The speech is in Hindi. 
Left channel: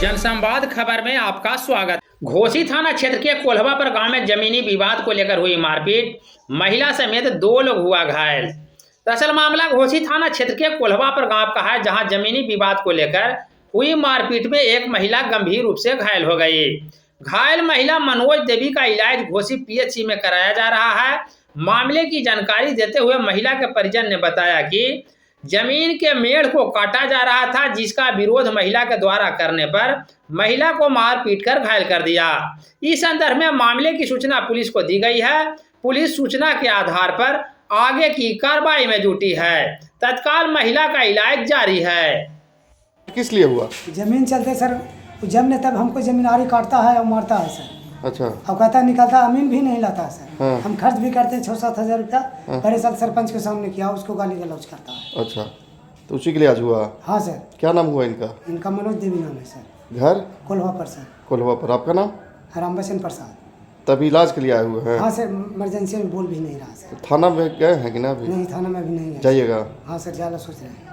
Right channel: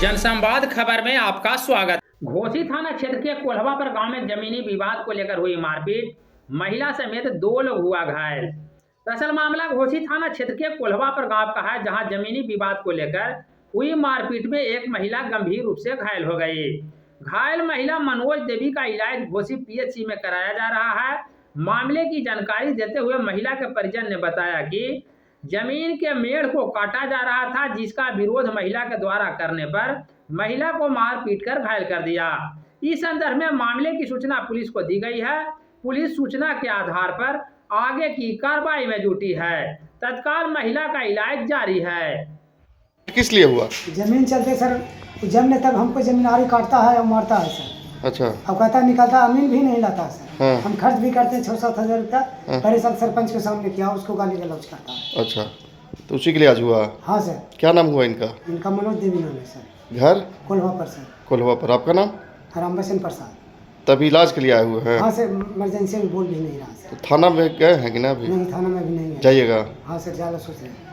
जनसंवाद खबर में आपका स्वागत। घोसी थाना क्षेत्र के कोल्हवापर गांव में जमीनी विवाद को लेकर हुई मारपीट, महिला समेत 2 लोग हुआ घायल। दरअसल मामला घोसी थाना क्षेत्र के कोल्हवापर गांव का है, जहां जमीनी विवाद को लेकर हुई मारपीट में एक महिला गंभीर रूप से घायल हो गई। घायल महिला मनोज देवी का इलाज घोसी पीएचसी में कराया जा रहा है। मामले की जानकारी देते हुए महिला के परिजन ने बताया कि जमीन के मेढ़ को काटा जा रहा था, जिसका विरोध महिला के द्वारा करने पर महिला को मार पीट कर घायल कर दिया। इस संदर्भ में मामले की सूचना पुलिस को दी गई है। पुलिस सूचना के आधार पर आगे की कार्रवाई में जुटी है। तत्काल महिला का इलाज जारी है। किस लिए हुआ? जमीन चलते सर, जब ने तब हमको जमींदारी काटता है और मारता है सर। अच्छा। अब कहता निकलता, अमीन भी नहीं लाता है सर। हाँ। हम खर्च भी करते हैं 6-7 हज़ार रुपया। पहले साल सरपंच के सामने किया, उसको गाली गलौज करता है। अच्छा, तो उसी के लिए आज हुआ? हाँ सर। क्या नाम हुआ इनका? इनका मनोज देवी नाम है सर। घर? कोल्हवापर सर। कोल्हवापर। आपका नाम? रामबचन प्रसाद। तभी इलाज के लिए आए हुए हैं? हाँ सर, इमरजेंसी में बोल भी नहीं रहा सर। तो थाना में गए हैं कि ना? अभी नहीं, थाना में भी नहीं है। जाइएगा। हाँ सर, ज़्यादा सोच रहे हैं।